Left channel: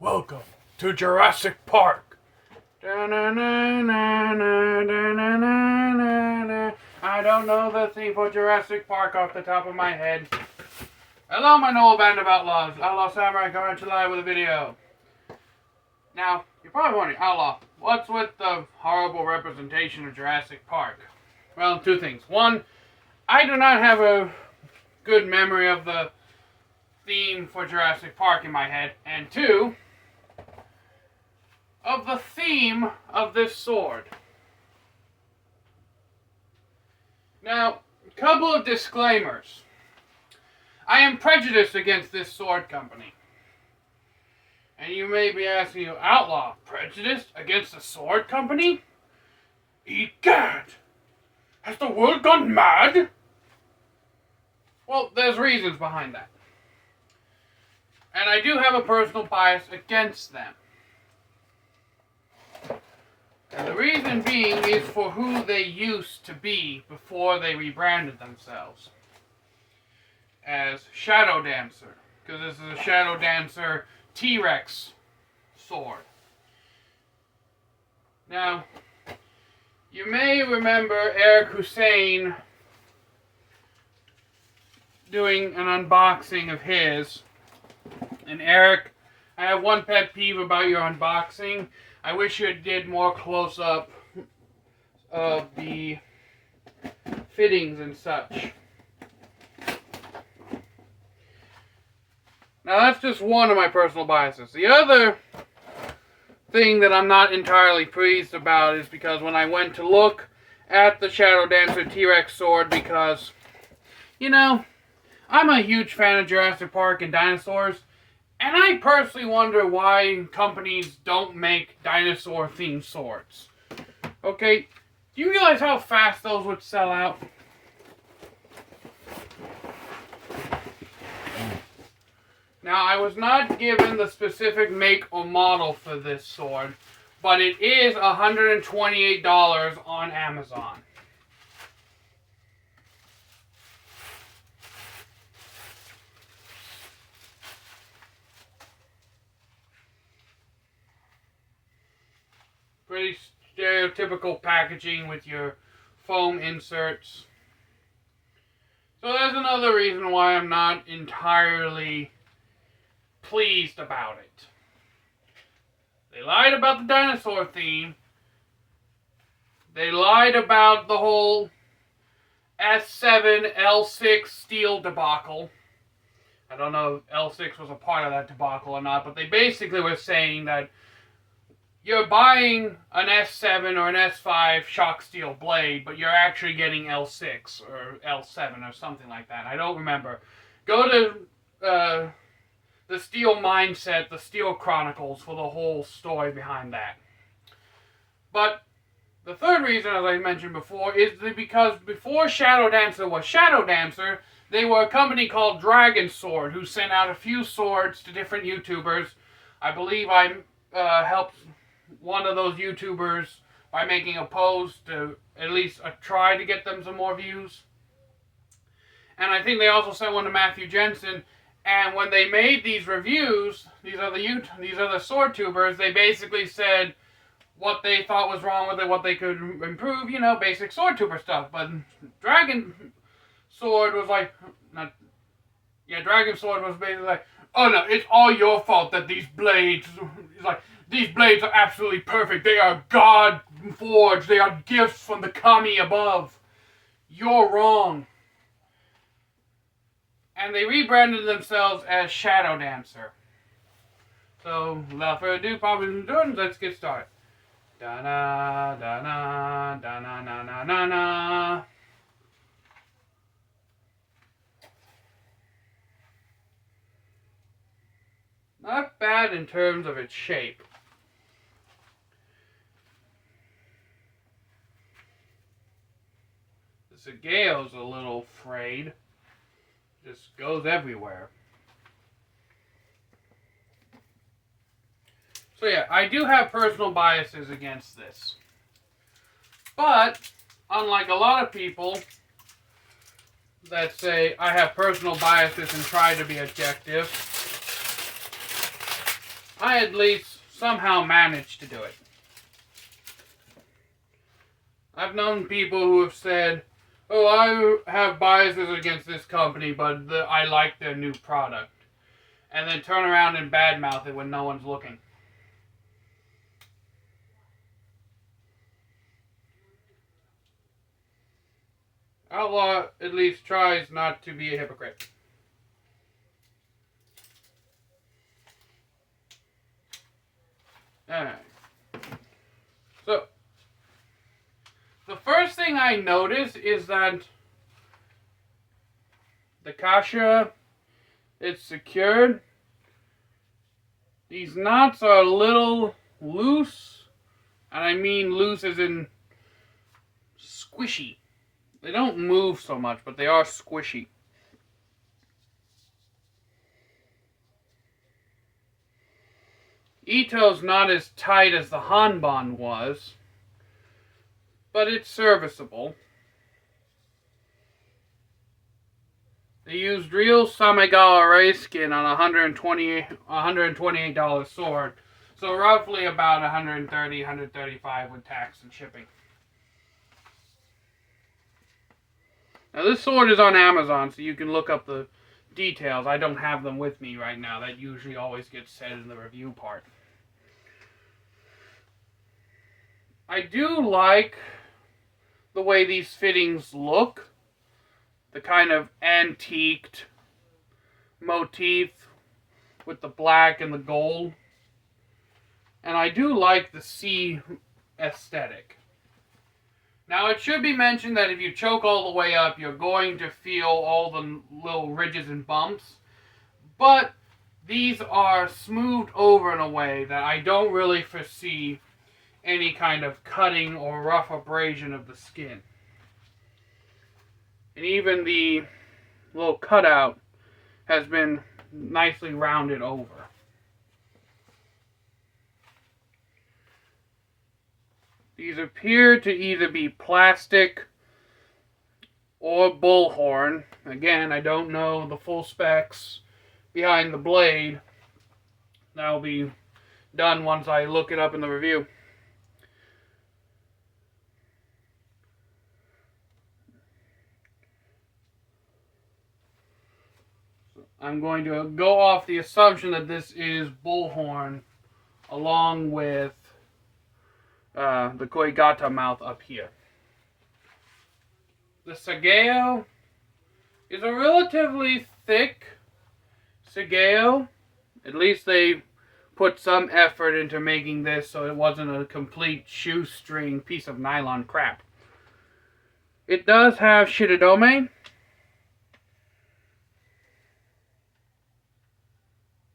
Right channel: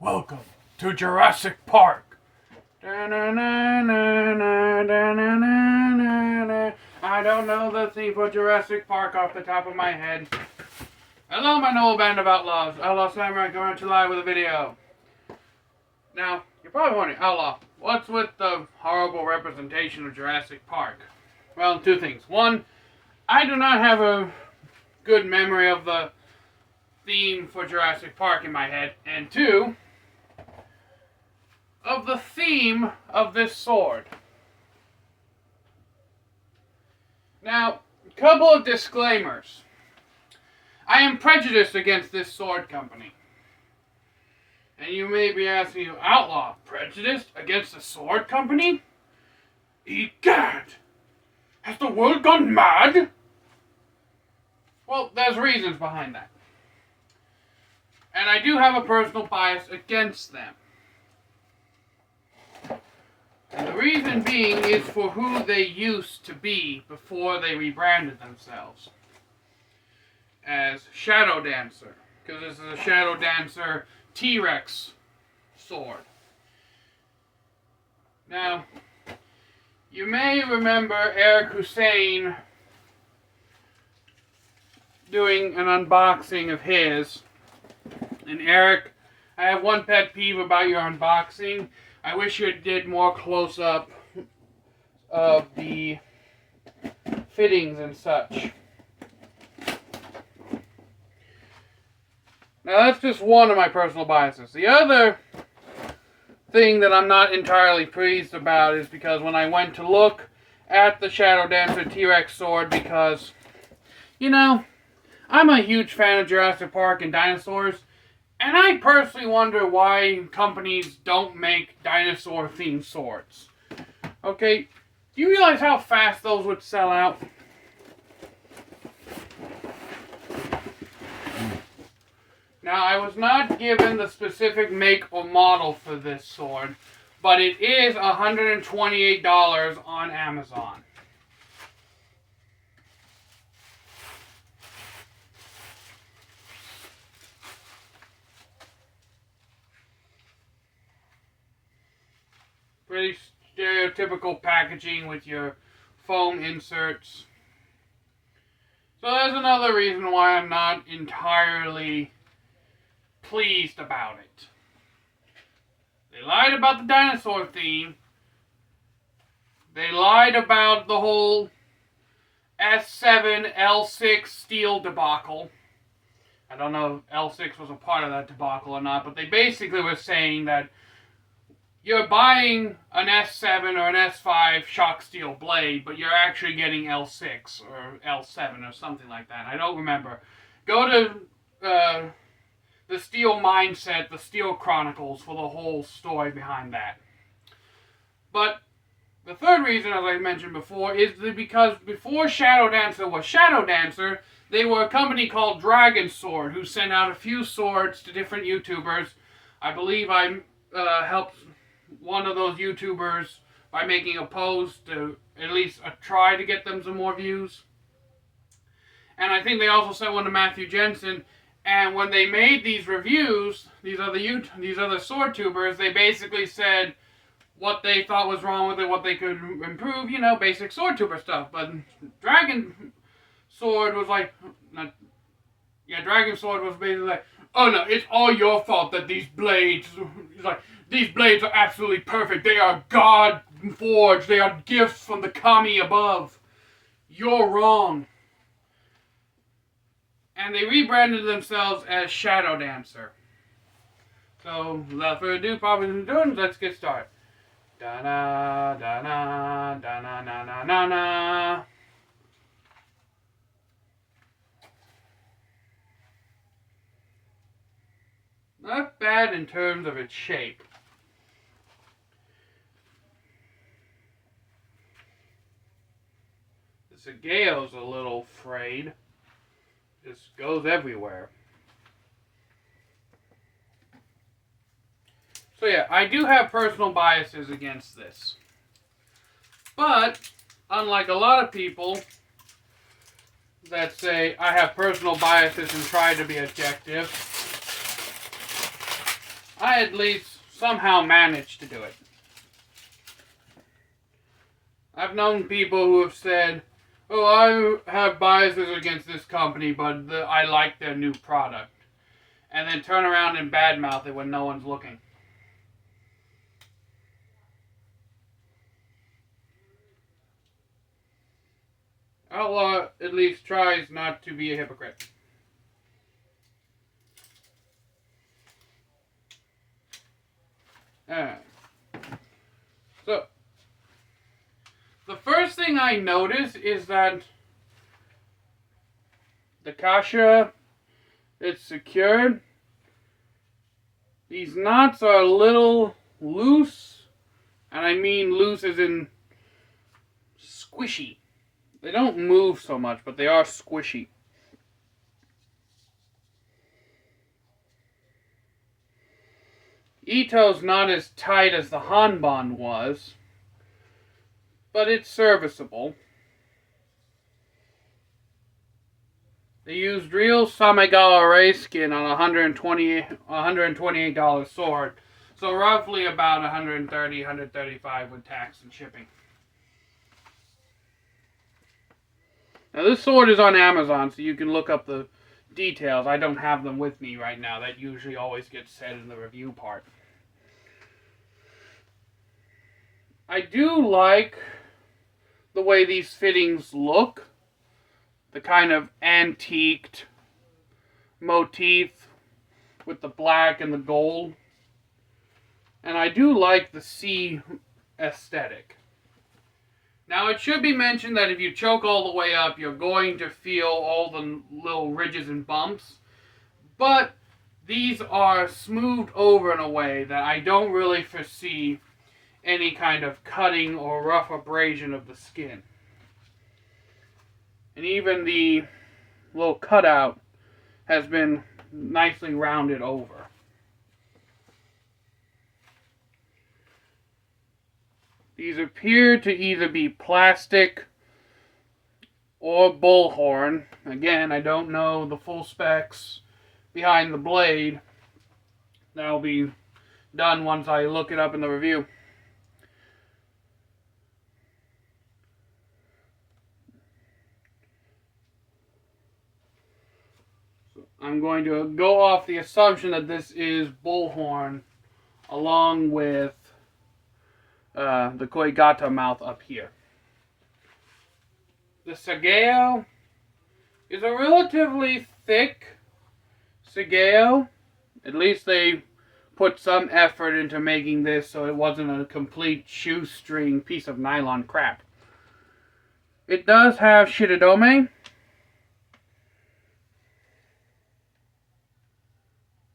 Welcome to Jurassic Park. I don't know the theme for Jurassic Park off the top of my head. Hello, my noble band of outlaws. Outlaw Samurai coming at you live with a video. Now, you're probably wondering, Outlaw, what's with the horrible representation of Jurassic Park? Well, two things. One, I do not have a good memory of the theme for Jurassic Park in my head. And two, of the theme of this sword. Now, a couple of disclaimers. I am prejudiced against this sword company. And you may be asking, Outlaw, prejudiced against the sword company? Egad! Has the world gone mad? Well, there's reasons behind that. And I do have a personal bias against them. And the reason being is for who they used to be before they rebranded themselves as Shadow Dancer. Because this is a Shadow Dancer T-Rex sword. Now, you may remember Eric Hussein doing an unboxing of his. And Eric, I have one pet peeve about your unboxing. I wish you did more close-up of the fittings and such. Now that's just one of my personal biases. The other thing that I'm not entirely pleased about is because when I went to look at the Shadow Dancer T-Rex sword, because, you know, I'm a huge fan of Jurassic Park and dinosaurs. And I personally wonder why companies don't make dinosaur-themed swords. Okay, do you realize how fast those would sell out? Now, I was not given the specific make or model for this sword, but it is $128 on Amazon. Pretty stereotypical packaging with your foam inserts. So that's another reason why I'm not entirely pleased about it. They lied about the dinosaur theme. They lied about the whole S7 L6 steel debacle. I don't know if L6 was a part of that debacle or not, but they basically were saying that you're buying an S7 or an S5 shock steel blade, but you're actually getting L6 or L7 or something like that. I don't remember. Go to the Steel Mindset, the Steel Chronicles, for the whole story behind that. But the third reason, as I mentioned before, is because before Shadow Dancer was Shadow Dancer, they were a company called Dragon Sword, who sent out a few swords to different YouTubers. I believe I helped one of those YouTubers by making a post to at least try to get them some more views. And I think they also sent one to Matthew Jensen. And when they made these reviews, these other sword tubers, they basically said what they thought was wrong with it, what they could improve, you know, basic sword tuber stuff. But Dragon Sword was like, Dragon Sword was basically like, oh no, it's all your fault that these blades, it's like, these blades are absolutely perfect. They are God forged. They are gifts from the kami above. You're wrong. And they rebranded themselves as Shadow Dancer. So, without further ado, probably doing, let's get started. Da-na, da-na, da-na, na, na, na, na. Not bad in terms of its shape. The Gao's a little frayed. Just goes everywhere. So yeah, I do have personal biases against this. But, unlike a lot of people that say I have personal biases and try to be objective, I at least somehow managed to do it. I've known people who have said, oh, I have biases against this company, but I like their new product. And then turn around and badmouth it when no one's looking. Outlaw at least tries not to be a hypocrite. Alright. So, the first thing I notice is that the kasha, it's secured. These knots are a little loose, and I mean loose as in squishy. They don't move so much, but they are squishy. Ito's not as tight as the hanban was, but it's serviceable. They used real Samegawa ray skin on a $128 sword, so roughly about $130, $135 with tax and shipping. Now this sword is on Amazon, so you can look up the details. I don't have them with me right now. That usually always gets said in the review part. I do like the way these fittings look. The kind of antiqued motif with the black and the gold. And I do like the C aesthetic. Now it should be mentioned that if you choke all the way up, you're going to feel all the little ridges and bumps. But these are smoothed over in a way that I don't really foresee any kind of cutting or rough abrasion of the skin. And even the little cutout has been nicely rounded over. These appear to either be plastic or bullhorn. Again, I don't know the full specs behind the blade. That will be done once I look it up in the review. I'm going to go off the assumption that this is bullhorn along with the koigata mouth up here. The sageo is a relatively thick sageo. At least they put some effort into making this so it wasn't a complete shoestring piece of nylon crap. It does have shirodome.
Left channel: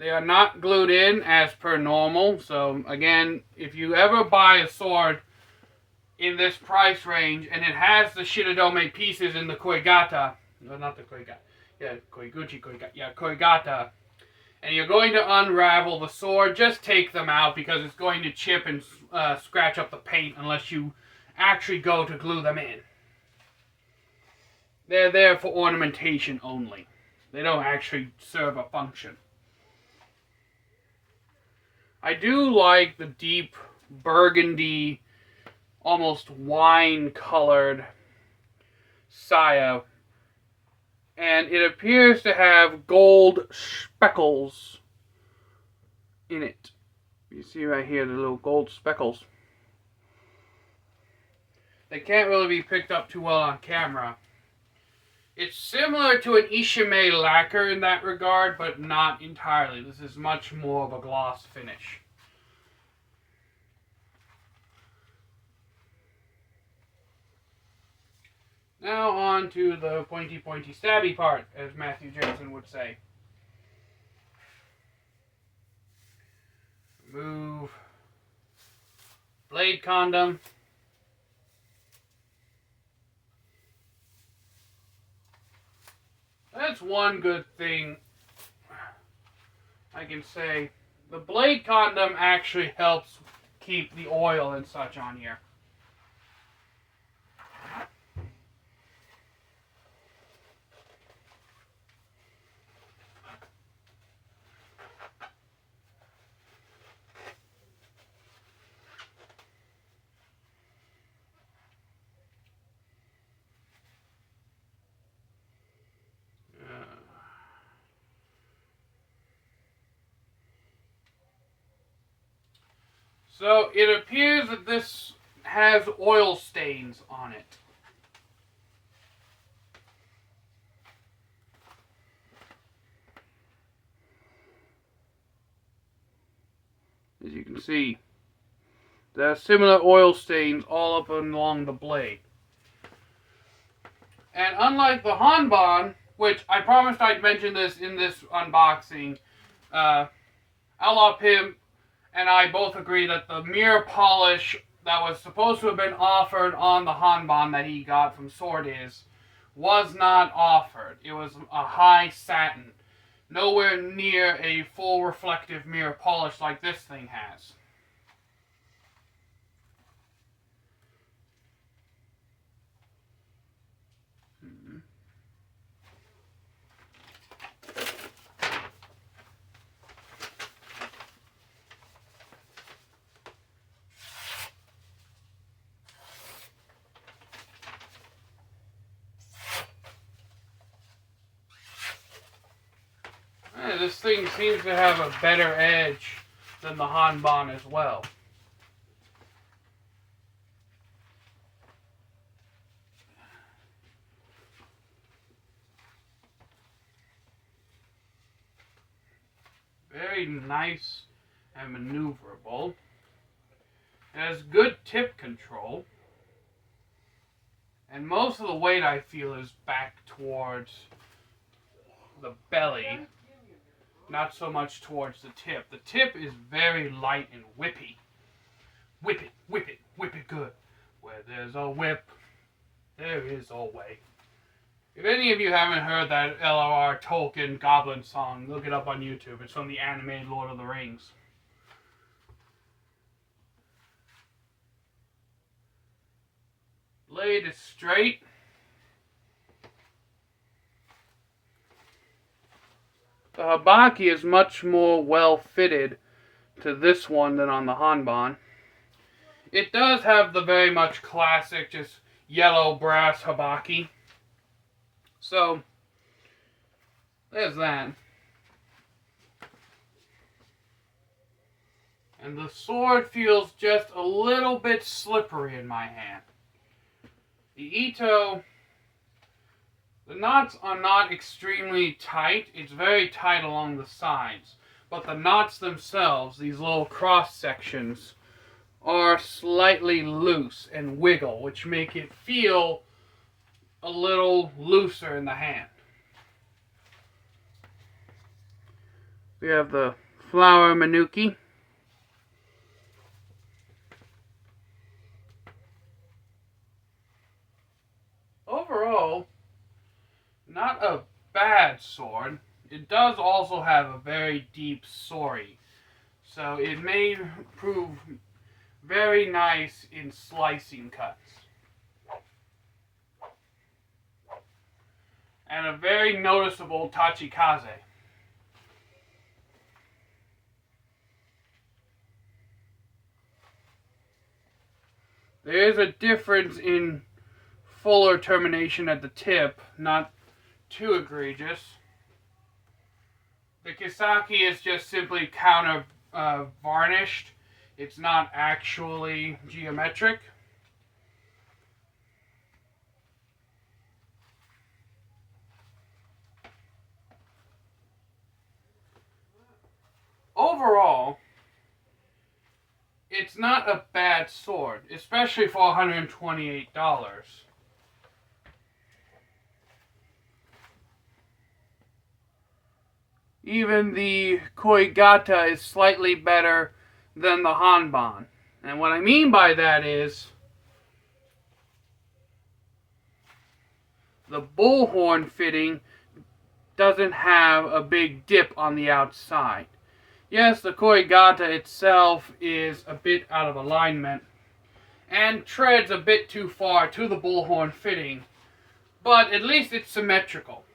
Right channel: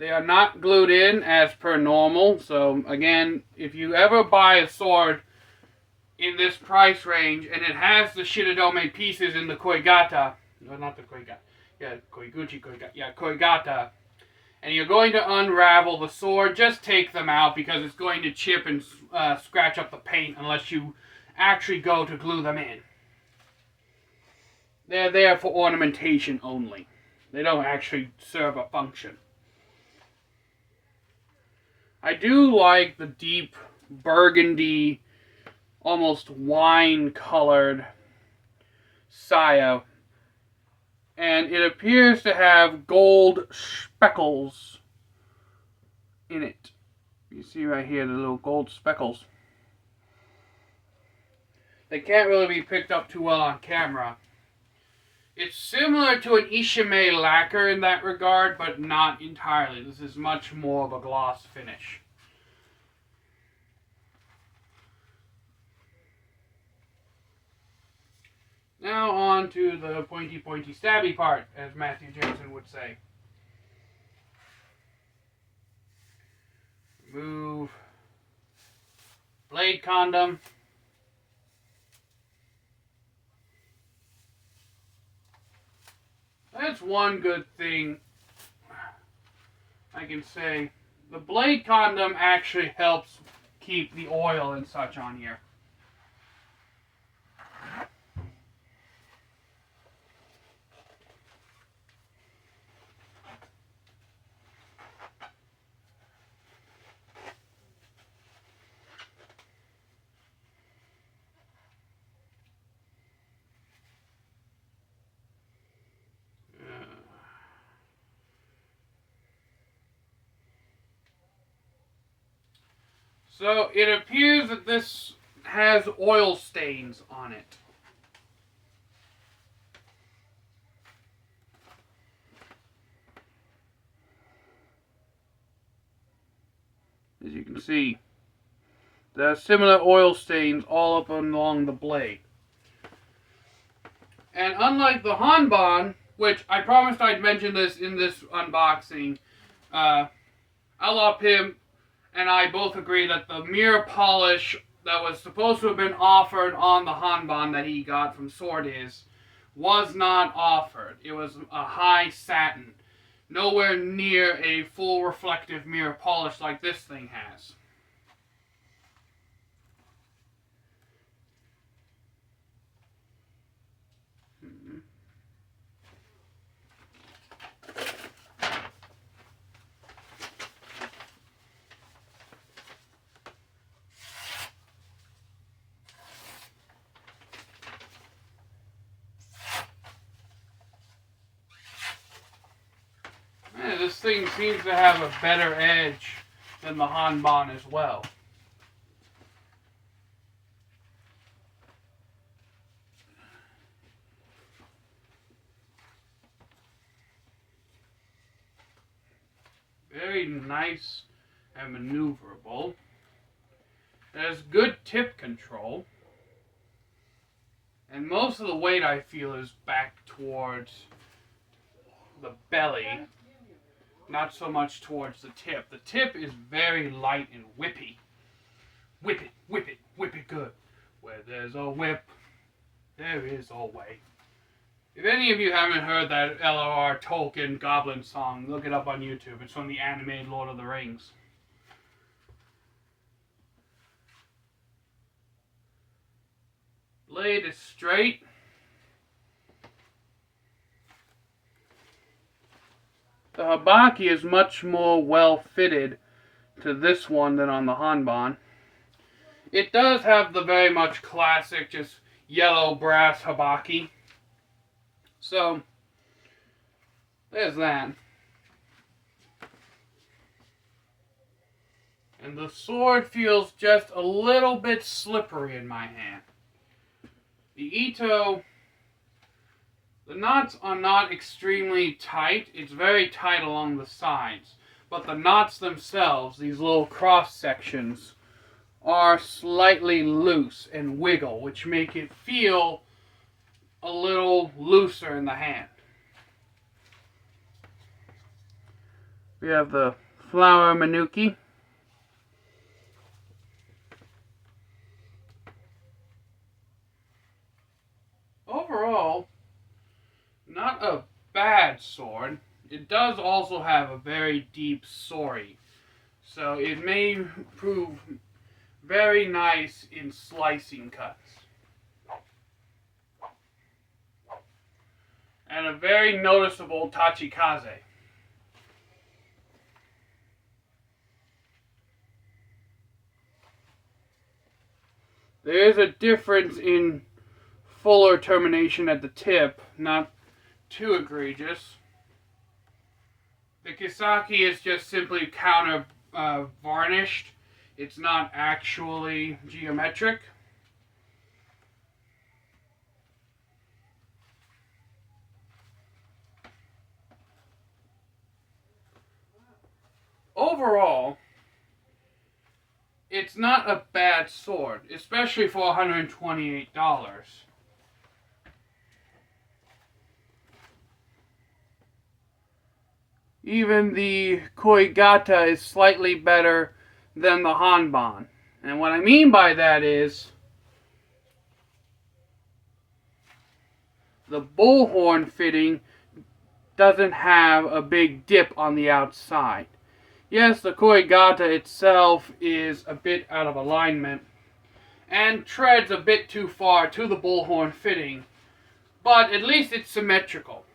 They are not glued in as per normal. So again, if you ever buy a sword in this price range and it has the shirodome pieces in the koigata, no, not the koigata, yeah, koiguchi koigata, yeah, koigata, and you're going to unravel the sword, just take them out because it's going to chip and scratch up the paint unless you actually go to glue them in. They're there for ornamentation only. They don't actually serve a function. I do like the deep burgundy, almost wine-colored saya, and it appears to have gold speckles in it. You see right here the little gold speckles. They can't really be picked up too well on camera. It's similar to an Ishime lacquer in that regard, but not entirely. This is much more of a gloss finish. Now on to the pointy stabby part, as Matthew Jensen would say. Move blade condom. That's one good thing I can say. The blade condom actually helps keep the oil and such on here. So it appears that this has oil stains on it. As you can see, there are similar oil stains all up and along the blade. And unlike the hanban, which I promised I'd mention this in this unboxing, Outlaw Pimp and I both agree that the mirror polish that was supposed to have been offered on the hanban that he got from Sword was not offered. It was a high satin, nowhere near a full reflective mirror polish like this thing has. This thing seems to have a better edge than the hanban as well. Very nice and maneuverable. It has good tip control. And most of the weight, I feel, is back towards the belly. Not so much towards the tip. The tip is very light and whippy. Whip it, whip it, whip it good. Where there's a whip, there is a way. If any of you haven't heard that L.R. Tolkien Goblin song, look it up on YouTube. It's from the animated Lord of the Rings. Blade is straight. The habaki is much more well fitted to this one than on the hanban. It does have the very much classic, just yellow brass habaki. So, there's that. And the sword feels just a little bit slippery in my hand. The Ito, the knots are not extremely tight. It's very tight along the sides. But the knots themselves, these little cross sections, are slightly loose and wiggle, which make it feel a little looser in the hand. We have the flower manuki. Overall, not a bad sword. It does also have a very deep sori, so it may prove very nice in slicing cuts. And a very noticeable tachikaze. There is a difference in fuller termination at the tip, not too egregious. The Kisaki is just simply counter varnished. It's not actually geometric. Overall, it's not a bad sword, especially for $128. Even the Koigata is slightly better than the hanban. And what I mean by that is the bullhorn fitting doesn't have a big dip on the outside. Yes, the Koigata itself is a bit out of alignment and treads a bit too far to the bullhorn fitting, but at least it's symmetrical.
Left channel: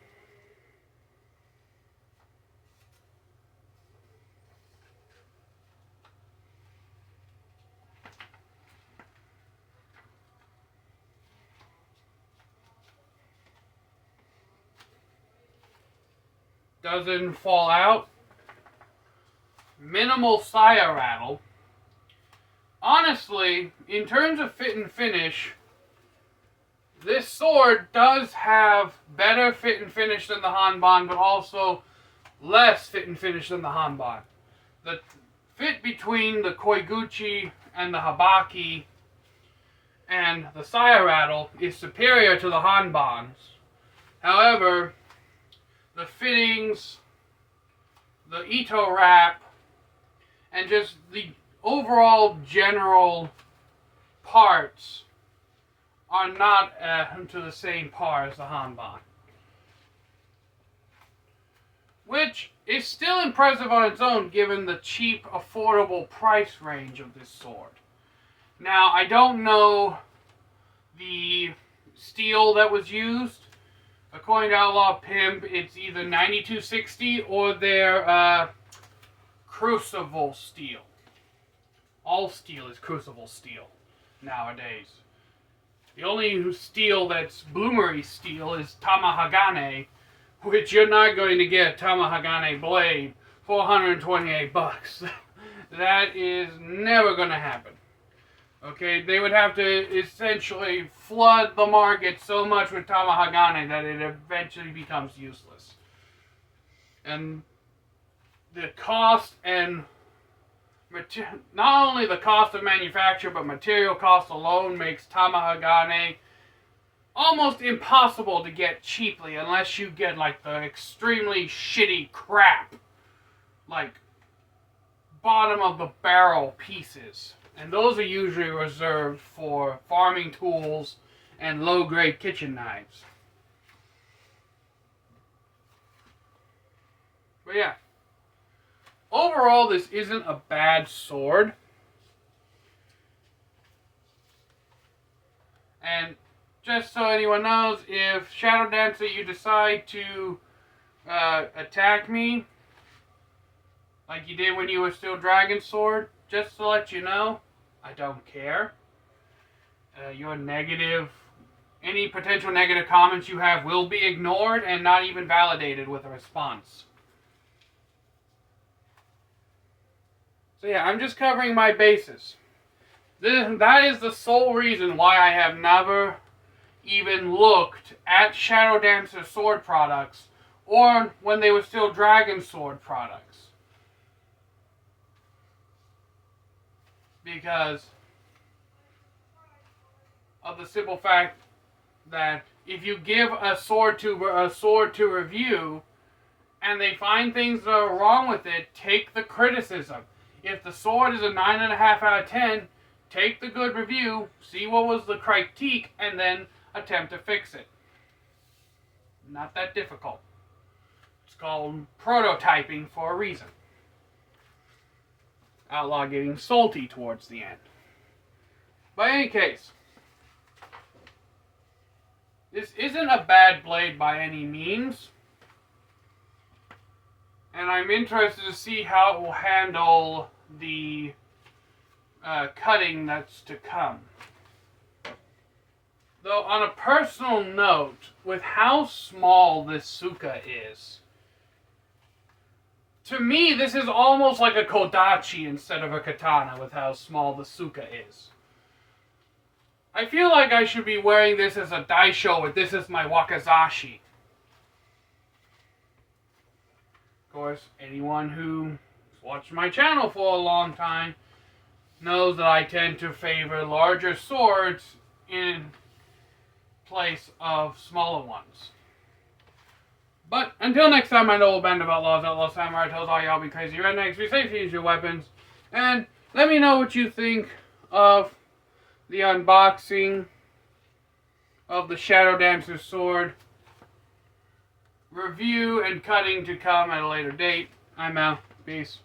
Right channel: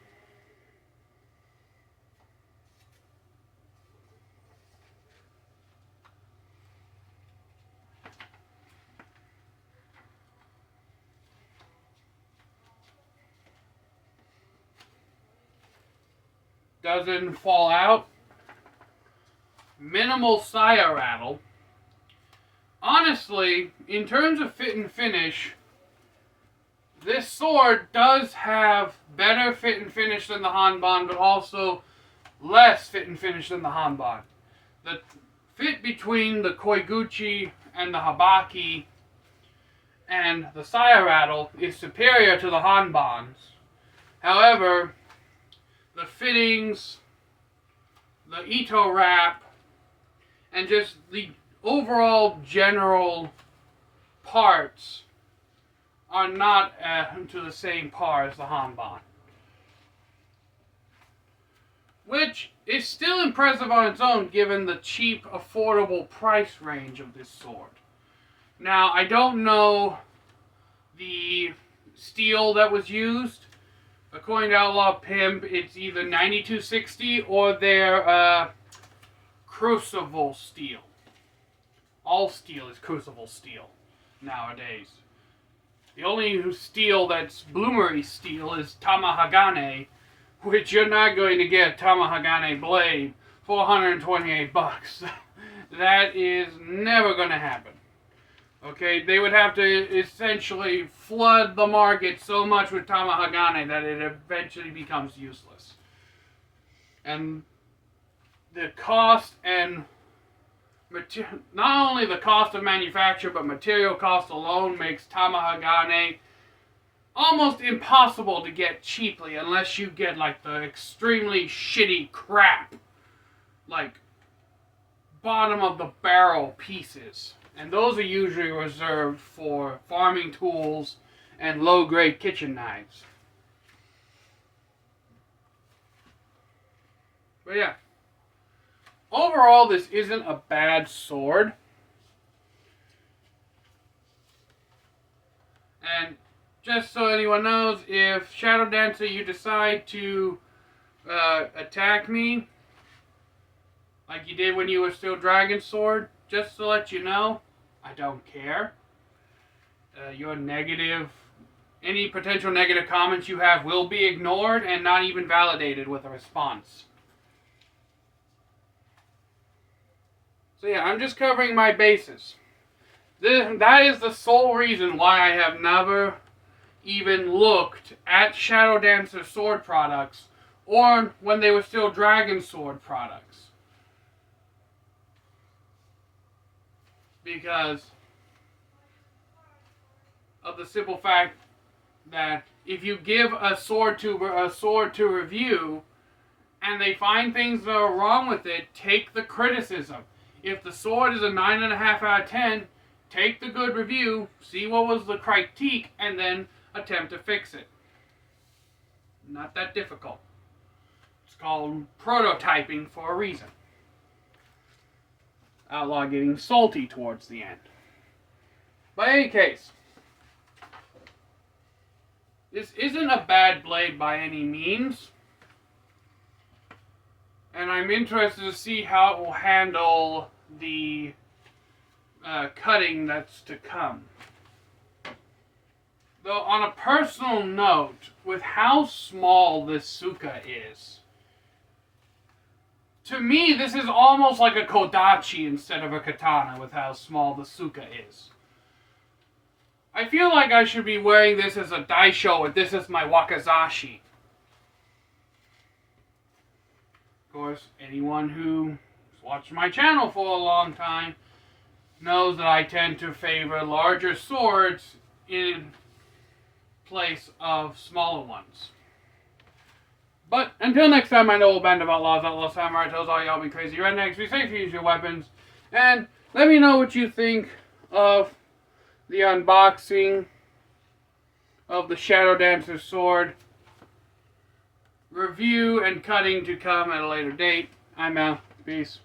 Doesn't fall out. Minimal saya rattle. honestly, in terms of fit and finish, this sword does have better fit and finish than the hanban, but also less fit and finish than the hanban. The fit between the koiguchi and the habaki and the saya rattle is superior to the hanbans. However, the fittings, the ito wrap, and just the overall general parts are not to the same par as the hanban. Which is still impressive on its own given the cheap, affordable price range of this sword. Now, I don't know the steel that was used. According to Outlaw Pimp, it's either 9260 or their crucible steel. All steel is crucible steel nowadays. The only steel that's bloomery steel is Tamahagane, which you're not going to get a Tamahagane blade for $128. That is never going to happen. Okay, they would have to essentially flood the market so much with Tamahagane that it eventually becomes useless. And the cost and not only the cost of manufacture, but material cost alone makes Tamahagane almost impossible to get cheaply unless you get like the extremely shitty crap, like bottom of the barrel pieces. And those are usually reserved for farming tools and low-grade kitchen knives. But yeah. Overall, this isn't a bad sword. And just so anyone knows, if Shadow Dancer you decide to attack me, like you did when you were still Dragon Sword, just to let you know, I don't care. Your negative, any potential negative comments you have will be ignored and not even validated with a response. So yeah, I'm just covering my bases. That is the sole reason why I have never even looked at Shadow Dancer sword products or when they were still Dragon Sword products. Because of the simple fact that if you give a sword to review and they find things that are wrong with it, take the criticism. If the sword is a 9.5 out of 10, take the good review, see what was the critique, and then attempt to fix it. Not that difficult. It's called prototyping for a reason. Outlaw getting salty towards the end. But in any case, this isn't a bad blade by any means. And I'm interested to see how it will handle the cutting that's to come. Though on a personal note, with how small this Suka is, to me this is almost like a Kodachi instead of a katana with how small the Suka is. I feel like I should be wearing this as a daisho, or this is my wakizashi. Of course, anyone who's watched my channel for a long time knows that I tend to favor larger swords in place of smaller ones. But until next time, my noble band of outlaws, Outlaw Samurai tells all y'all be crazy rednecks, be safe, use your weapons, and let me know what you think of the unboxing of the Shadow Dancer sword. Review and cutting to come at a later date. I'm out. Peace.